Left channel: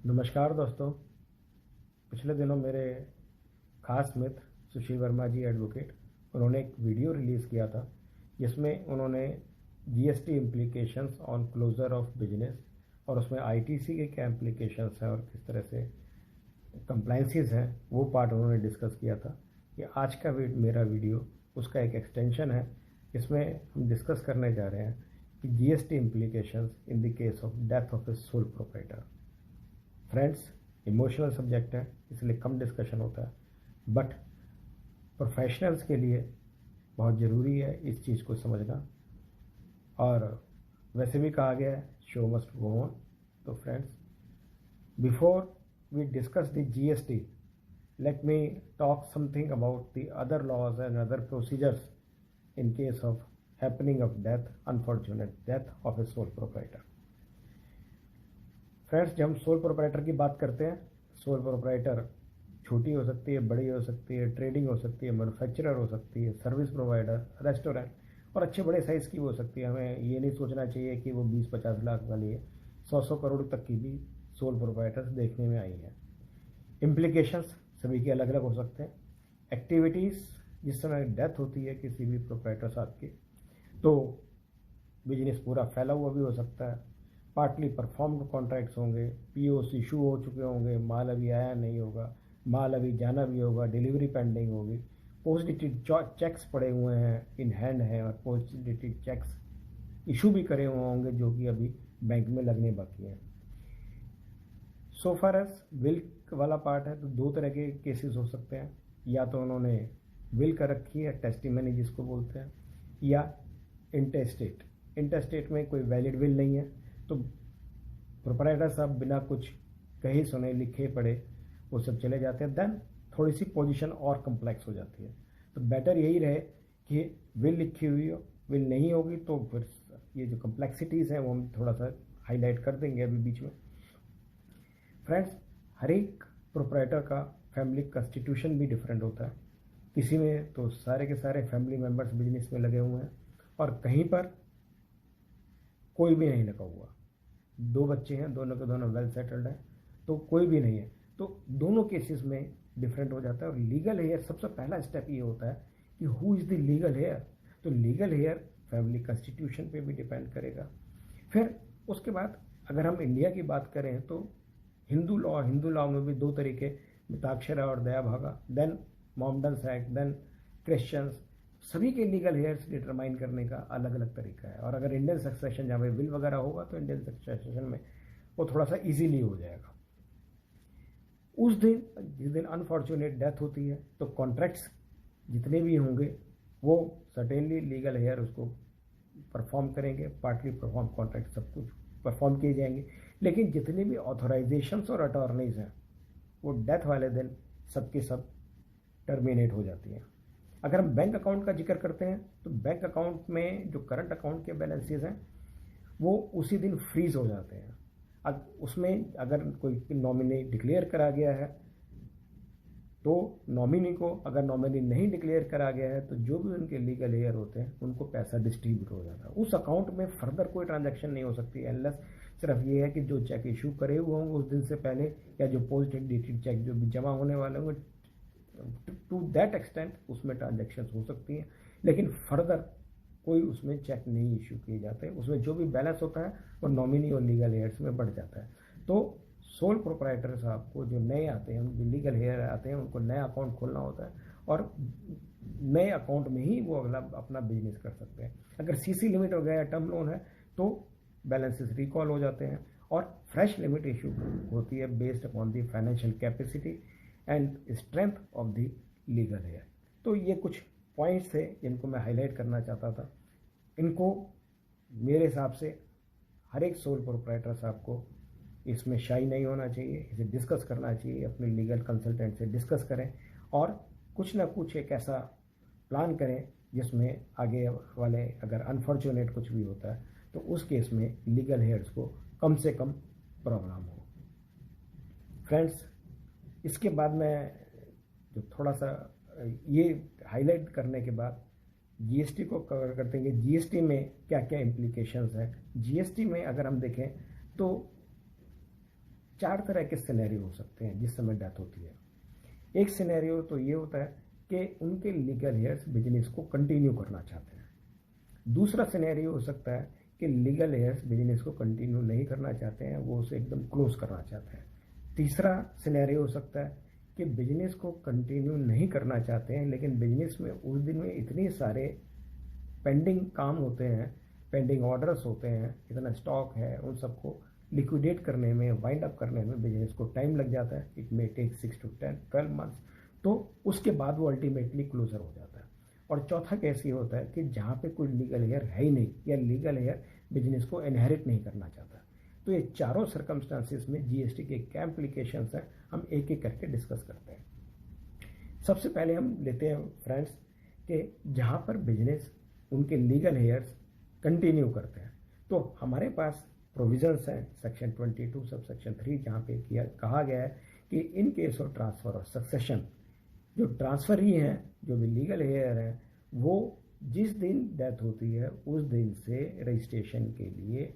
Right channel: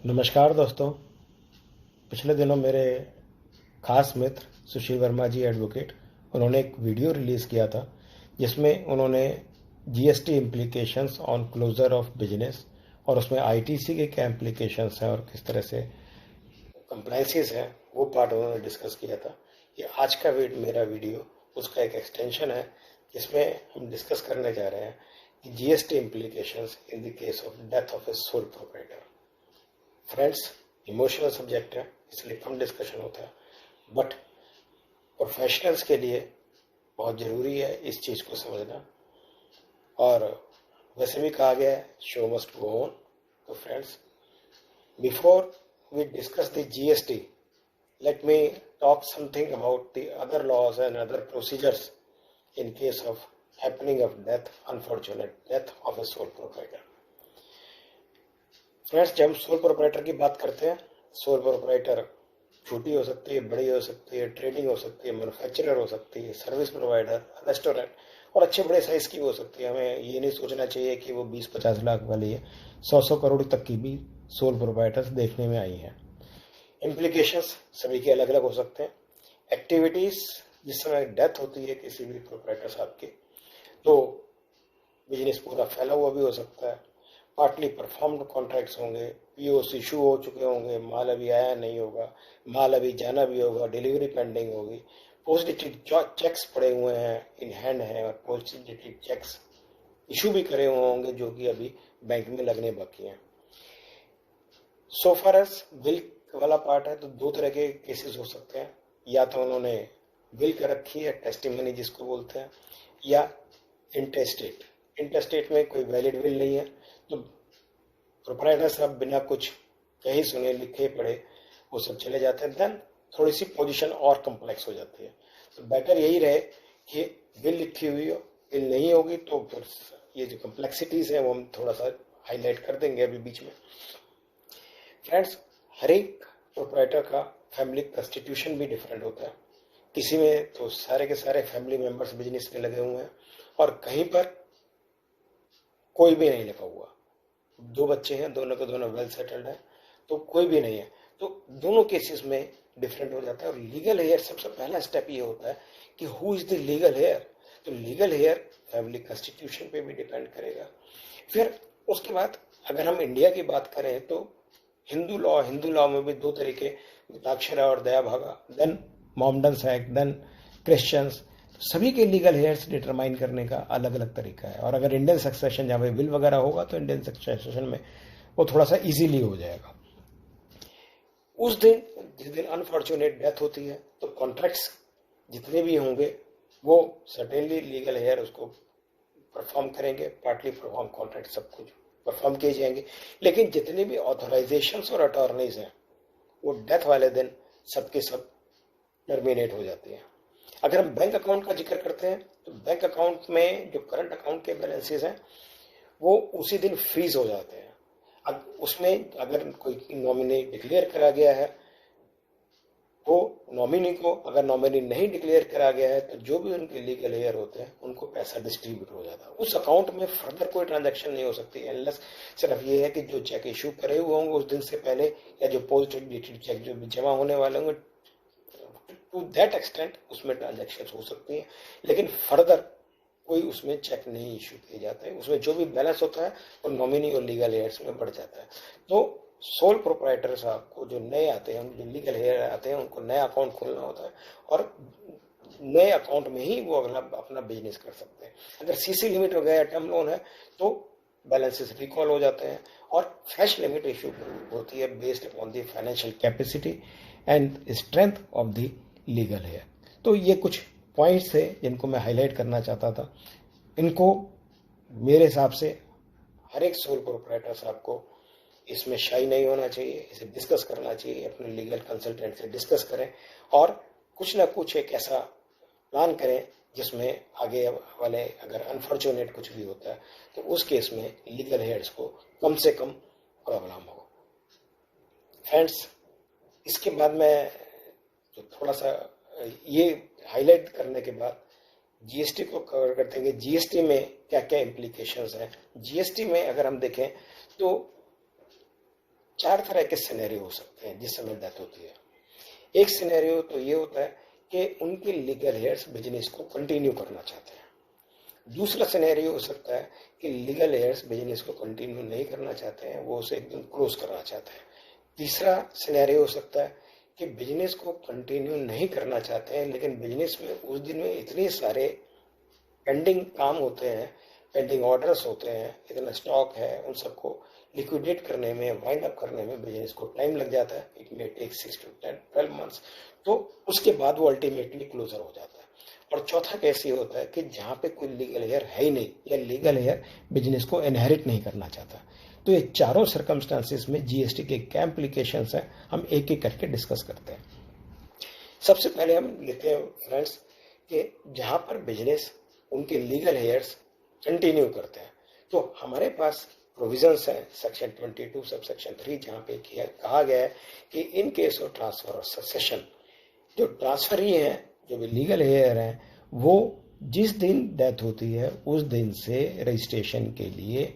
नमस्कार दोस्तों। पिछले दिनों मेरे खास मित्र सुशील वर्मा जी एडवोकेट, उन्होंने एक वीडियो रिलीज़ किया था जिसमें उन्होंने GST implications on closure of business और उसमें आईटीसी के क्या इम्प्लीकेशंस हैं और किस तरह से कंप्लाइंसेस हैं वो पार्ट उन्होंने डिस्कस किया था। ये आज का मेरा वीडियो उसका एक एक्सटेंशन है जिसमें हम डिस्कस करने जा रहे हैं कि GST implications in the case of death of A sole proprietor. Friends, emotional subject है इसलिए कम डिस्कशन होता है, बट प्रोफेशनल्स के लिए बहुत ज़रूरी है इस चीज़ को समझना। और वैसे भी कहा गया है शो मस्ट गो ऑन। तो friends, before we discuss the GST, let me talk something about the other laws and other procedures in case of happening of death, unfortunate death of a sole proprietor. Friends, जब हम sole proprietor की बात करते हैं, sole proprietor छोटी हो सकती है, बड़ी हो सकती है, ट्रेडिंग हो सकती है, मैन्युफैक्चरर हो सकती है, सर्विस प्रोवाइडर, रेस्टोरेंट, और अच्छे बड़े साइज़ की हो सकती है। हमें ये नहीं सोचना चाहिए कि वो 20-50 लाख वाली है, 100 करोड़ तक की भी सोल प्रोप्राइटर्स देखने में आई हैं। इम्प्लीकेशंस सभी के अलग अलग हो सकते हैं। एक्टिविटीज़, जिस समय डेथ होती है किसी भी प्रोप्राइटर साहब की, तो बिजनेस पूरा फैला हुआ भी हो सकता है। पार्टली परफॉर्म्ड कॉन्ट्रैक्ट्स होंगे, पीओस इशू हो चुके होंगे, माल अभी आया नहीं होगा, माल अभी जाना भी होगा, डिलीवरी पेंडिंग होगी, पोस्ट डेटेड चेक्स पड़े हुए हैं, इन हैंड हैं, और पोस्ट डेटेड चेक्स इशू भी करे हुए होंगे जो कि अभी बैंक में लगने बाकी हैं। सो फार एज विल वाला पार्ट है तो दो तरह के केसेस हो सकते हैं। या तो उन्होंने विल कर रखी है, टेस्टिमनी जिसको बोलते हैं, या इंटेस्टेट। इंटेस्टेट में कोई वैलिड विल नहीं है तो प्रोप्राइटर साहब बिना कुछ कहे सुने लिखे पढ़े वो सब चले जाते हैं। देन थोड़ी सी पोजीशन और कम्प्लेक्स हो जाती है। तो बेटर यही रहे कि विल लिखी हुई हो, विल नहीं होगी तो फिर ये जो कम्प्लेक्सिटीज़ हैं वो हम थोड़ा सा हाईलाइट कर देंगे अभी बीच में। फ्रेंड्स, हर एक प्रोप्राइटर का फैमिली कॉन्स्टिट्यूशन भी डिफरेंट होता है। किसी में तो सारे के सारे फैमिली मेम्बर्स बिजनेस में लगे हुए हैं और कहीं पर कोई भी नहीं लगा हुआ। 2 बच्चे हैं, दोनों के दोनों वेल सेटल्ड हैं, तो कोई भी नहीं है। तो दोनों केसेस में डिफरेंट हो जाता है। और लीगल हेयर, सबसे पहला स्टेप ये होता है कि who is the legal heir. तो लीगल हेयर फैमिली कॉन्स्टिट्यूशन पे भी डिपेंड करेगा। फिर उसके बाद अगर हम इंडिया की बात करें तो हिंदू लॉ में भी 2 तरीके, मिताक्षरा और Dayabhaga, then Mohammedans act, then Christians. सभी के लीगल हेयर्स डिटरमाइन करने का अलग अलग तरीका है। और अगर इंडियन सक्सेशन जहाँ पे विल वगैरह होगा तो इंडियन सक्सेशन में वो थोड़ा सा इजीली हो जाएगा। उस दिन जिस दिन अनफॉर्चुनेट डेथ होती है तो कॉन्ट्रैक्ट्स जितने भी होंगे वो सर्टेनली लीगल हेयर उसको परफॉर्म करेंगे, पार्टली परफॉर्म कॉन्ट्रैक्ट सब कुछ परफॉर्म किए जाएंगे। लेकिन जितने भी ऑथराइजेशंस और अटॉर्नीज हैं वो डेथ वाले दिन सबके सब टर्मिनेट हो जाती हैं। अगर हम बैंक अकाउंट का जिक्र करते हैं तो बैंक अकाउंट में जो करंट अकाउंट के बैलेंसेस हैं वो उसी दिन फ्रीज हो जाते हैं। अब उसमें अगर कोई नॉमिनी डिक्लेयर करा गया है तो नॉमिनी को, अगर नॉमिनी नहीं डिक्लेयर करा गया है तो जो भी उनके लीगल हेयर होते हैं उनको पैसा डिस्ट्रीब्यूट हो जाता है। उस अकाउंट में फर्दर कोई ट्रांजैक्शन नहीं हो सकती अनलेस सिर्फ ये है कि जो चेक इशू करे हुए होंगे उस दिन से पहले या जो पोस्ट डेटेड चेक जो भी जमा होने वाले होंगे, टू दैट एक्सटेंट उसमें ट्रांजैक्शन हो सकती हैं। लेकिन फर्दर कोई उसमें चेक नहीं इशू किए जाते हैं। उसमें जो भी बैलेंस होता है वो नॉमिनी और लीगल हेयर्स में बढ़ जाता है। तो सोल प्रोप्राइटर साहब को जो नए आते हैं, जो लीगल हेयर आते हैं, उनको नया अकाउंट खोलना होता है और नए अकाउंट में ही वो अगला अपना बिजनेस कर सकते हैं। अगर सीसी लिमिट हो गया या टर्म लोन है तो बैलेंसेस रिकॉल हो जाते हैं और फ्रेश लिमिट इशू होती है based upon the financial capacity and strength of the legal heir. तो ये कुछ पॉइंट्स थे जिनको मैं हाईलाइट करना चाहता था। इनको मेरे हिसाब से हर एक सोल प्रोप्राइटर साहब को इसमें शाई नहीं होना चाहिए, इसे डिस्कस करना चाहिए, अपने लीगल कंसल्टेंट से डिस्कस करें और कुछ ना कुछ एक ऐसा प्लान करें जिसमें आगे वाले अगर अनफॉर्चुनेट कुछ भी होता है तो उस केस में लीगल हेयर्स को कम से कम प्रॉब्लम हो। फ्रेंड्स, इसके बाद मैं जो थोड़ा सा ये हाईलाइट करने के बाद जीएसटी को कवर करते हैं। जीएसटी में क्या क्या इम्प्लीकेशंस हैं। जीएसटी में अगर हम देखें तो चार तरह के सिनेरियो हो सकते हैं जिस समय डेथ होती है। एक सिनेरियो तो ये होता है कि उनके लीगल हेयर्स बिजनेस को कंटिन्यू करना चाहते हैं। दूसरा सिनेरियो हो सकता है कि लीगल हेयर्स बिजनेस को कंटिन्यू नहीं करना चाहते हैं, वो उसे एकदम क्लोज करना चाहते हैं। तीसरा सिनेरियो हो सकता है कि बिजनेस को कंटिन्यू नहीं करना चाहते हैं, लेकिन बिजनेस में उस दिन में इतने सारे पेंडिंग काम होते हैं, पेंडिंग ऑर्डर्स होते हैं, इतना स्टॉक है, उन सबको लिक्विडेट करने में, वाइंड अप करने में बिजनेस को टाइम लग जाता है। It may take 6 to 12 months। तो उसके बाद वो अल्टीमेटली क्लोजर हो जाता है। और चौथा केस ये होता है कि जहाँ पे कोई लीगल हेयर है ही नहीं, या लीगल हेयर बिजनेस को इनहेरिट नहीं करना चाहता। तो ये चारों सर्कमस्टांसिस में जीएसटी के क्या इम्प्लीकेशंस हैं, हम एक एक करके डिस्कस करते हैं। सबसे पहले हम लेते हैं फ्रेंड्स कि जहाँ पर बिजनेस उनके लीगल हेयर्स कंटिन्यू करते हैं, तो हमारे पास प्रोविजंस हैं सेक्शन 22 सब सेक्शन 3, जहाँ पे कहा गया है कि इन केस ऑफ ट्रांसफर और सक्सेशन, जो ट्रांसफर ही हैं, जो भी लीगल हेयर हैं, वो जिस दिन डेथ होती है उस दिन से रजिस्ट्रेशन के लिए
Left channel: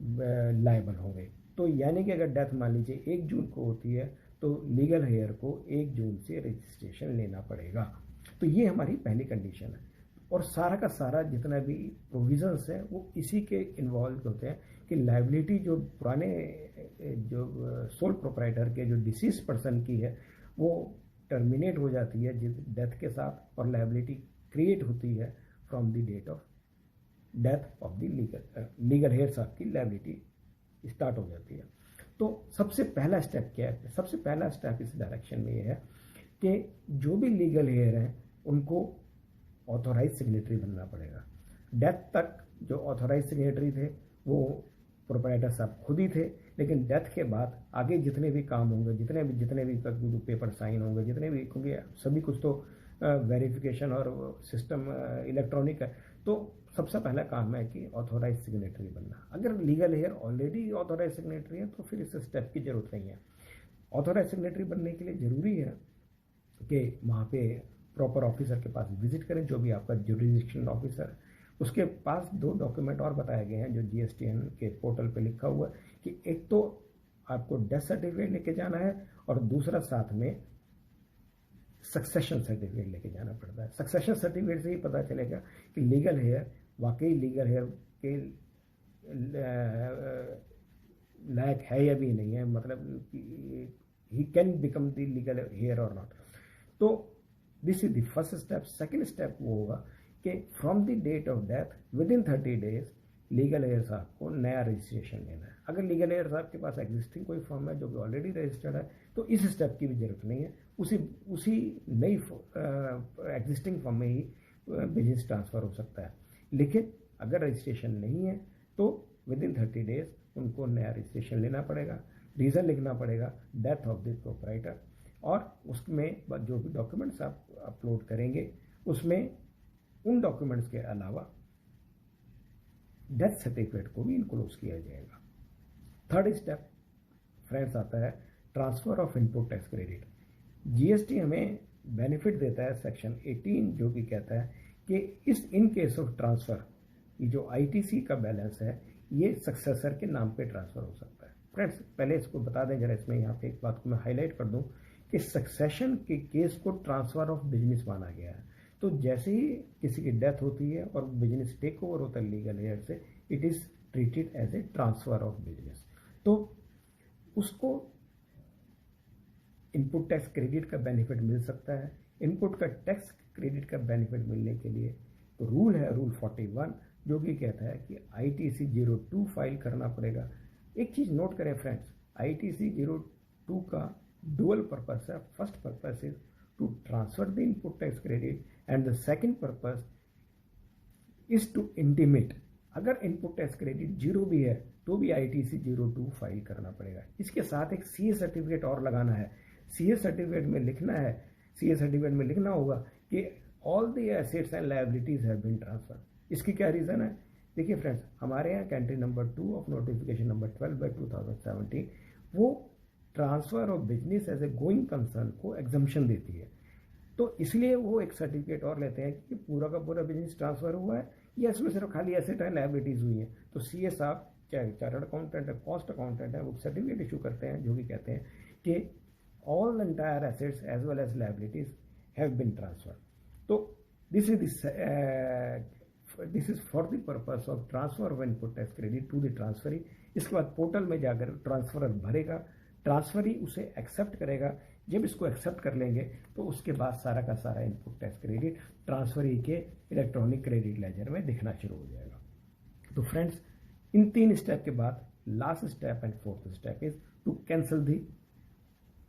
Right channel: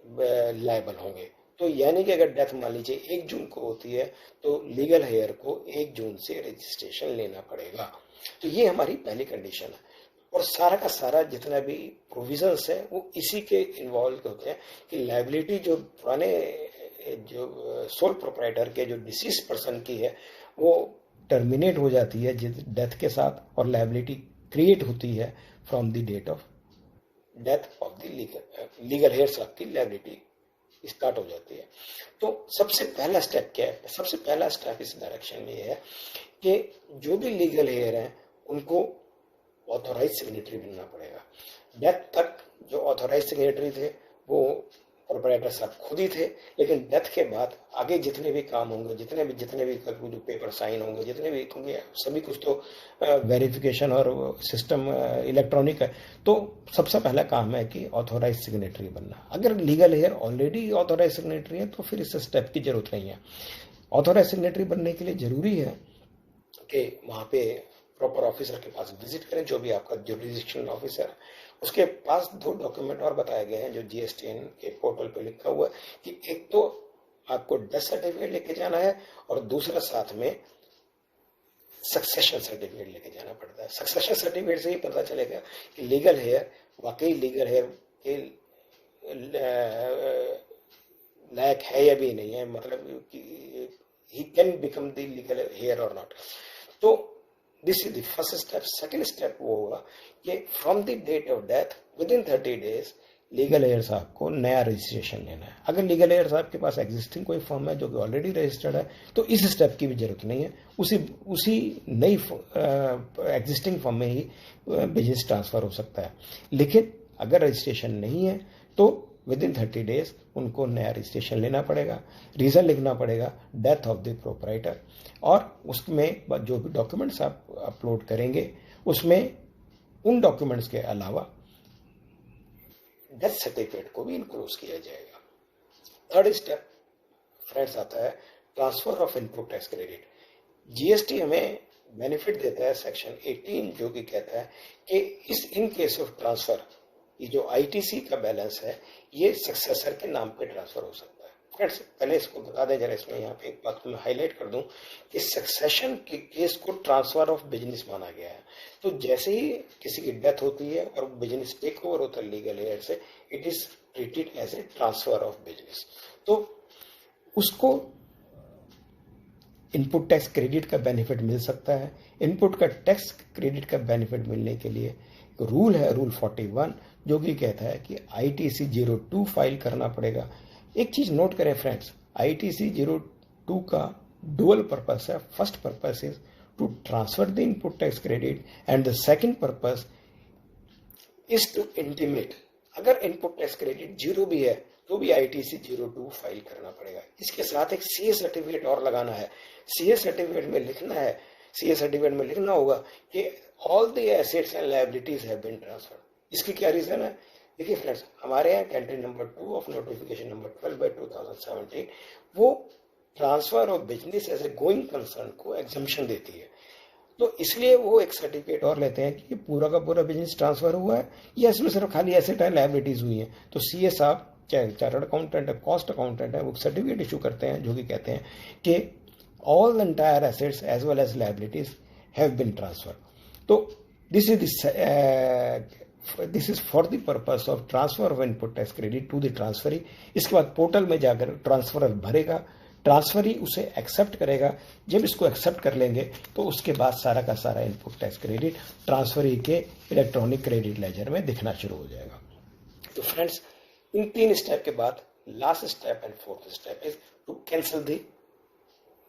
लायबल होंगे। तो यानी कि अगर डेथ मान लीजिए 1 जून को होती है, तो लीगल हेयर को 1 जून से रजिस्ट्रेशन लेना पड़ेगा। तो ये हमारी पहली कंडीशन है। और सारा का सारा जितना भी प्रोविजंस है वो इसी के इन्वॉल्व होते हैं कि लायबिलिटी जो पुराने जो सोल प्रोप्राइटर के जो डिसीज पर्सन की है वो टर्मिनेट हो जाती है डेथ के साथ, और लायबिलिटी क्रिएट होती है from the date of death of the legal heirs of की लायबिलिटी स्टार्ट हो जाती है। तो सबसे पहला स्टेप क्या है? सबसे पहला स्टेप इस डायरेक्शन में ये है कि जो भी लीगल हेयर हैं उनको ऑथोराइज सिग्नेटरी बनना पड़ेगा। डेथ तक जो ऑथोराइज सिग्नेटरी थे वो प्रोप्राइटर साहब खुद ही थे, लेकिन डेथ के बाद आगे जितने भी काम होंगे, जितने भी जो पेपर साइन होंगे, जितने भी होंगे, सभी कुछ तो वेरिफिकेशन और सिस्टम इलेक्ट्रॉनिक है। तो सबसे पहला काम है कि ऑथोराइज सिग्नेटरी बनना। अगर legal heir already authorise signatory है तो फिर इस स्टेप की जरूरत नहीं है। ऑथोराइज सिग्नेटरी बनने के लिए जरूरी है कि वहाँ पे प्रॉपर ऑफिसर के पास विजिट करें, जो भी आपका जुरिडिक्शनल ऑफिसर है। उसके पास 2 डॉक्यूमेंट और बताए गए हैं जो जीएसटीएन के पोर्टल पे लिखा हुआ है कि एक तो आपको डेथ सर्टिफिकेट लेके जाना है और दूसरा साथ में सक्सेशन सर्टिफिकेट लेके जाना पड़ता है। सक्सेशन सर्टिफिकेट से ही पता चलेगा कि लीगल हेयर वाकई लीगल हेयर के लायक है या भी नहीं है, मतलब he can become the legal heir और नॉट। तो this is the first step. Second step वो होगा कि from the date of death within 30 days legal heir साहब को नया रजिस्ट्रेशन लेना है। अगर लीगल हेयर साहब के पास एग्जिस्टिंग कोई फॉर्म है जो कि ऑलरेडी रजिस्टर्ड है तो इस स्टेप की भी जरूरत नहीं है, उसी नई एग्जिस्टिंग फॉर्म में ही बिजनेस ट्रांसफर हो सकता है। लेकिन अगर रजिस्ट्रेशन नहीं है तो विद इन 30 days उनको नया रजिस्ट्रेशन लेना पड़ेगा, रीज़न लिखना पड़ेगा, डेथ ऑफ द प्रोप्राइटर, और उसमें जो भी डॉक्यूमेंट्स आप अपलोड करेंगे उसमें उन डॉक्यूमेंट्स के अलावा डेथ सर्टिफिकेट को भी इनक्लूड किया जाएगा। थर्ड स्टेप फ्रेंड्स आता है transfer of input tax credit. GST हमें बेनिफिट देता है सेक्शन 18, जो कि कहता है कि इन केस ऑफ ट्रांसफर ये जो आईटीसी का बैलेंस है ये सक्सेसर के नाम पे ट्रांसफर हो सकता है। फ्रेंड्स पहले इसको बता दें जरा, इसमें यहाँ पे एक बात को मैं हाईलाइट कर दूं कि सक्सेशन के केस को ट्रांसफर ऑफ बिजनेस माना गया है। तो जैसे ही किसी की डेथ होती है और बिजनेस टेक ओवर होता है लीगल हेयर से, it is treated as a transfer of business. तो उसको इनपुट टैक्स क्रेडिट का बेनिफिट मिल सकता है। इनपुट का टैक्स क्रेडिट का बेनिफिट मिलने के लिए रूल है रूल 41, जो कि कहता है कि आईटीसी 02 फाइल करना पड़ेगा। एक चीज नोट करें फ्रेंड्स, आईटीसी 02 का डुअल पर्पस है। First purpose is to transfer the input tax credit and the second purpose is to intimate. अगर इनपुट टैक्स क्रेडिट 0 भी है तो भी आईटीसी 02 फाइल करना पड़ेगा। इसके साथ एक सीए सर्टिफिकेट और लगाना है। सीए सर्टिफिकेट में लिखना होगा कि all the assets and liabilities have been transferred. इसकी क्या रीजन है? देखिए फ्रेंड्स, हमारे यहाँ entry number 2 of notification number 12/2017 वो transfer of business as a going concern को एग्जम्पशन देती है। तो इसलिए वो एक सर्टिफिकेट और लेते हैं कि पूरा का पूरा बिजनेस ट्रांसफर हुआ है या इसमें सिर्फ खाली एसेट एंड लायबिलिटीज हुई है। तो सीए साहब चाहे चार्टर्ड अकाउंटेंट है, कॉस्ट अकाउंटेंट है, वो सर्टिफिकेट इशू करते हैं जो कि कहते हैं कि all the entire assets as well as liabilities have been transfer. तो this is for the purpose of transfer of input tax credit to the transferee. इसके बाद पोर्टल में जाकर ट्रांसफर भरेगा, ट्रांसफरी उसे एक्सेप्ट करेगा। जब इसको एक्सेप्ट कर लेंगे तो उसके बाद सारा का सारा इनपुट टैक्स क्रेडिट ट्रांसफरी के इलेक्ट्रॉनिक क्रेडिट लेजर में दिखना शुरू हो जाएगा। तो फ्रेंड्स, इन 3 स्टेप के बाद last step and fourth step is to cancel the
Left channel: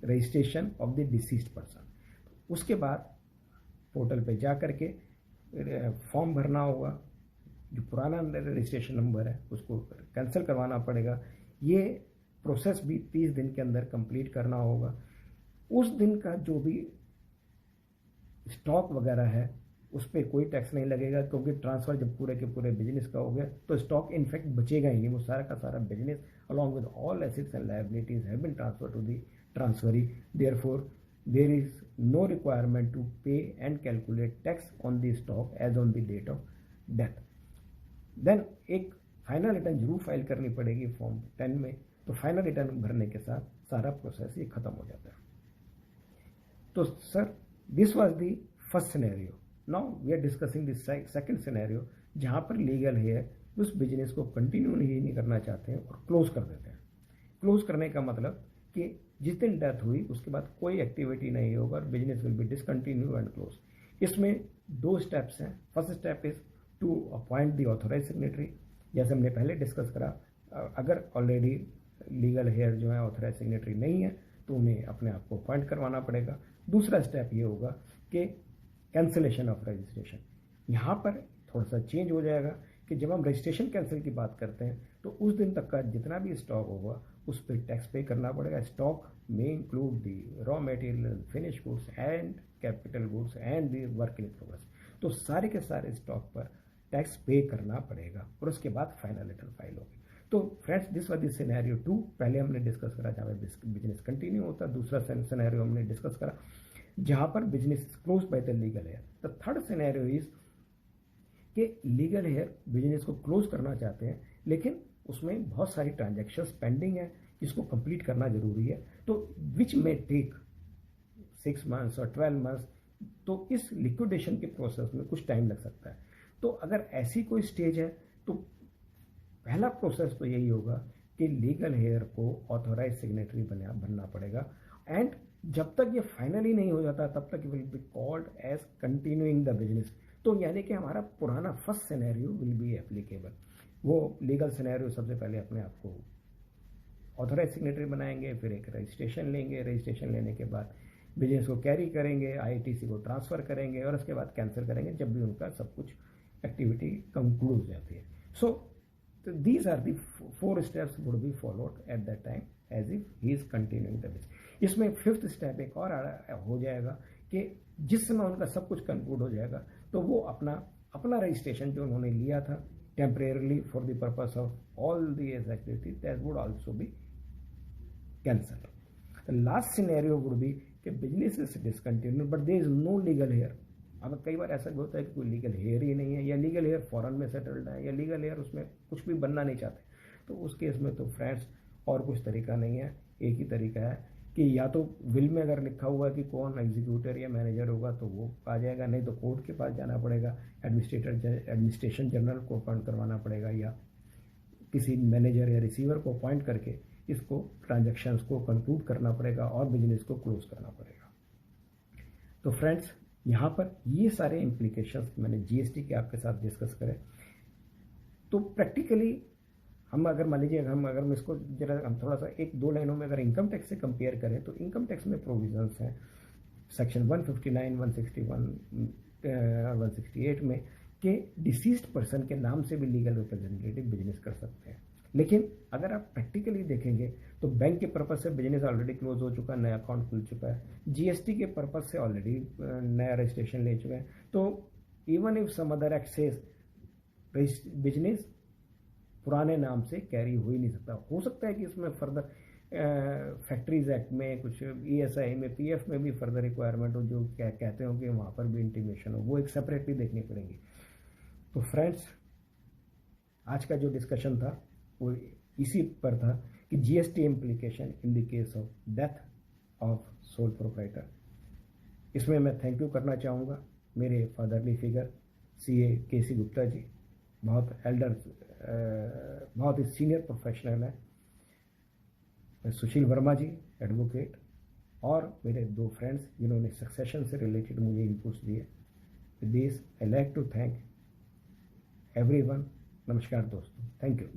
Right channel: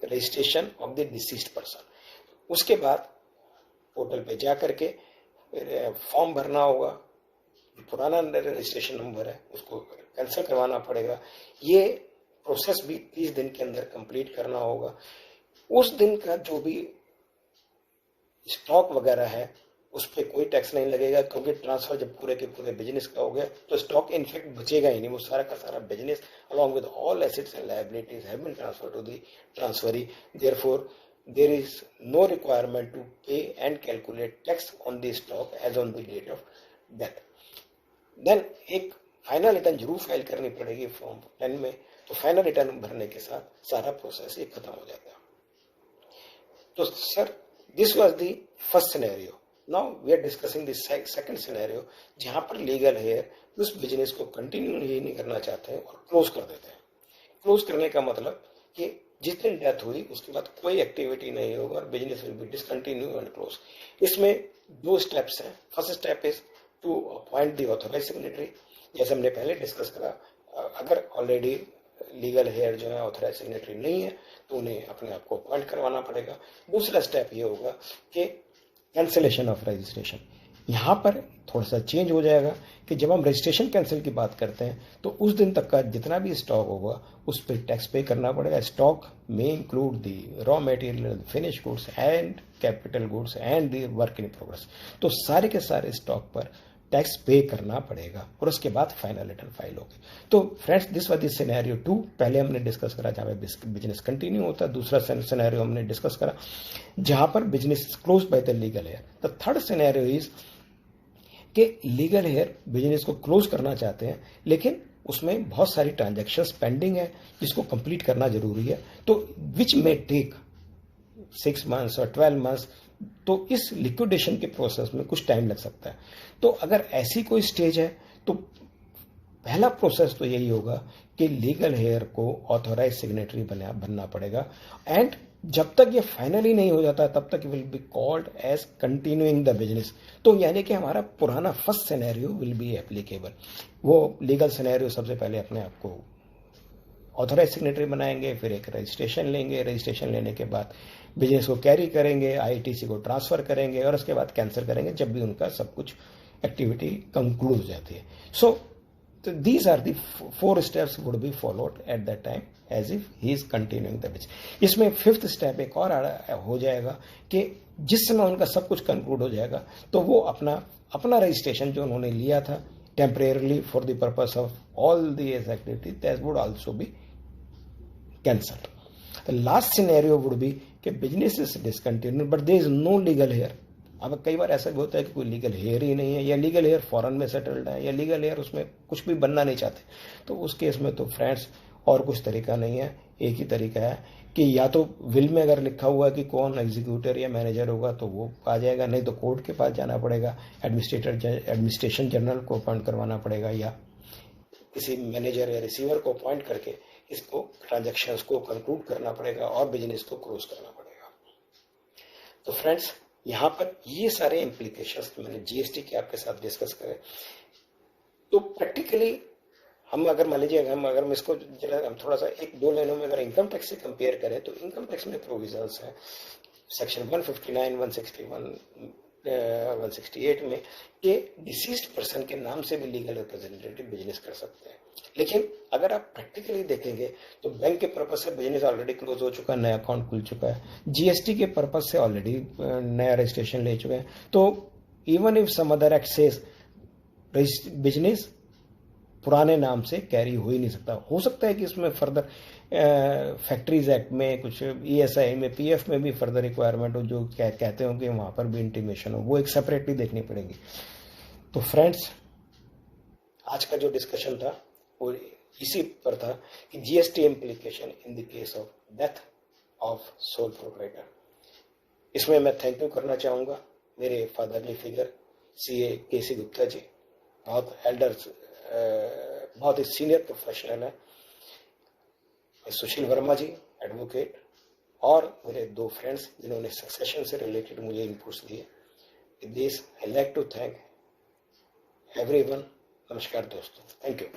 registration of the deceased person. उसके बाद पोर्टल पे जा करके फॉर्म भरना होगा, जो पुराना रजिस्ट्रेशन नंबर है उसको कैंसिल करवाना पड़ेगा। ये प्रोसेस भी 30 दिन के अंदर कंप्लीट करना होगा। उस दिन का जो भी स्टॉक वगैरह है उस पर कोई टैक्स नहीं लगेगा, क्योंकि ट्रांसफर जब पूरे के पूरे बिजनेस का हो गया तो स्टॉक इनफेक्ट बचेगा ही नहीं। वो सारा का सारा business along with all assets and liabilities have been transfer to the transferee. Therefore there is no requirement to pay and calculate tax on the stock as on the date of death. Then एक final return जरूर file करनी पड़ेगी form 10 में। तो final return भरने के साथ सारा प्रोसेस ये खत्म हो जाता है। तो sir, this was the first scenario. Now we are discussing the second scenario, जहां पर लीगल हेयर उस बिजनेस को कंटिन्यू ही नहीं करना चाहते हैं और क्लोज कर देते हैं। क्लोज करने का मतलब कि जिस दिन डेथ हुई उसके बाद कोई एक्टिविटी नहीं होगा और business will be discontinue and close. इसमें 2 स्टेप्स हैं। First step is to appoint the authorise signatory, जैसे हमने पहले डिस्कस करा। अगर ऑलरेडी लीगल हेयर जो है ऑथोराइज सिग्नेटरी नहीं है तो उन्हें अपने आप को अपॉइंट करवाना पड़ेगा। दूसरा स्टेप ये होगा कि कैंसिलेशन ऑफ रजिस्ट्रेशन। यहाँ पर थोड़ा सा चेंज हो जाएगा कि जब हम रजिस्ट्रेशन कैंसिल की बात करते हैं तो उस दिन तक का जितना भी स्टॉक होगा उस पर टैक्स पे करना पड़ेगा। स्टॉक में include the raw material, finish goods and capital goods and the work in progress. तो सारे के सारे स्टॉक पर टैक्स पे करना पड़ेगा और उसके बाद फाइनल रिटर्न फाइल होगी। तो friends, this was the scenario 2। पहले हमने डिस्कस करा जहाँ पे बिजनेस कंटिन्यू होता है। दूसरा सिनेरियो हमने डिस्कस करा जहाँ पर business close by the legal heir. The third scenario is कि लीगल हेयर बिजनेस को क्लोज करना चाहते हैं, लेकिन उसमें बहुत सारी ट्रांजैक्शंस पेंडिंग है जिसको कंप्लीट करना जरूरी है। तो विच मे टेक 6 मंथ्स और 12 मंथ्स। तो इस लिक्विडेशन के प्रोसेस में कुछ टाइम लग सकता है। तो अगर ऐसी कोई स्टेज है तो पहला प्रोसेस तो यही होगा कि लीगल हेयर को ऑथोराइज सिग्नेटरी बनना पड़ेगा। एंड जब तक ये फाइनली नहीं हो जाता तब तक will be called as continuing the business. तो यानी कि हमारा पुराना first scenario will be applicable. वो लीगल सिनेरियो सबसे पहले अपने आप को ऑथोराइज सिग्नेटरी बनाएंगे, फिर एक रजिस्ट्रेशन लेंगे, रजिस्ट्रेशन लेने के बाद बिजनेस को कैरी करेंगे, आईटीसी को ट्रांसफर करेंगे और उसके बाद कैंसिल करेंगे जब भी उनका सब कुछ एक्टिविटी कंक्लूड हो जाती है। So these are the 4 steps would be followed at that time as if he is continuing the business. इसमें 5th स्टेप एक और हो जाएगा कि जिस समय उनका सब कुछ कंक्लूड हो जाएगा तो वो अपना रजिस्ट्रेशन जो उन्होंने लिया था temporarily for the purpose of all the activity that would also be cancelled. The last scenario would be कि business is discontinued but there is no legal heir. अब कई बार ऐसा भी होता है कि कोई लीगल हेयर ही नहीं है, या लीगल हेयर फॉरेन में सेटल्ड है, या लीगल हेयर उसमें कुछ भी बनना नहीं चाहते। तो उस केस में तो फ्रेंड्स और कुछ तरीका नहीं है, एक ही तरीका है कि या तो विल में अगर लिखा हुआ है कि कौन एग्जीक्यूटर या मैनेजर होगा तो वो आ जाएगा, नहीं तो कोर्ट के पास जाना पड़ेगा, एडमिनिस्ट्रेशन जनरल को अपॉइंट करवाना पड़ेगा, या किसी मैनेजर या रिसीवर को अपॉइंट करके इसको ट्रांजैक्शंस को कंक्लूड करना पड़ेगा और बिजनेस को क्लोज करना पड़ेगा। तो फ्रेंड्स, यहाँ पर ये सारे इम्प्लीकेशंस मैंने जीएसटी के आपके साथ डिस्कस करे। तो प्रैक्टिकली हम अगर मान लीजिए हम इसको जरा हम थोड़ा सा 1-2 लाइनों में अगर इनकम टैक्स से कंपेयर करें तो इनकम टैक्स में प्रोविजंस हैं सेक्शन 159, 161 और 168 में कि डिसीज्ड पर्सन के नाम से भी लीगल रिप्रेजेंटेटिव बिजनेस कर सकते हैं। लेकिन अगर आप प्रैक्टिकली देखेंगे तो बैंक के पर्पज से बिजनेस ऑलरेडी क्लोज हो चुका है, नया अकाउंट खुल चुका है, जीएसटी के पर्पज से ऑलरेडी नया रजिस्ट्रेशन ले चुके हैं। तो even if some other act says business पुराने नाम से कैरी हो ही नहीं सकता। हो सकता है कि इसमें फर्दर फैक्ट्रीज एक्ट में कुछ ईएसआई में पीएफ में भी फर्दर रिक्वायरमेंट हो जो कहते हो कि वहां पर भी इंटीमेशन हो, वो एक सेपरेटली देखनी पड़ेगी। तो फ्रेंड्स, आज का जो डिस्कशन था वो इसी पर था कि GST implication in the case of death of sole proprietor. इसमें मैं थैंक यू करना चाहूँगा मेरे fatherly figure CA KC Gupta ji, बहुत एल्डर्स, बहुत ही सीनियर प्रोफेशनल है। मैं सुशील वर्मा जी एडवोकेट, और मेरे 2 फ्रेंड्स जिन्होंने सक्सेशन से रिलेटेड मुझे इनपुट्स दिए। With this I like to thank everyone. नमस्कार दोस्तों, थैंक यू।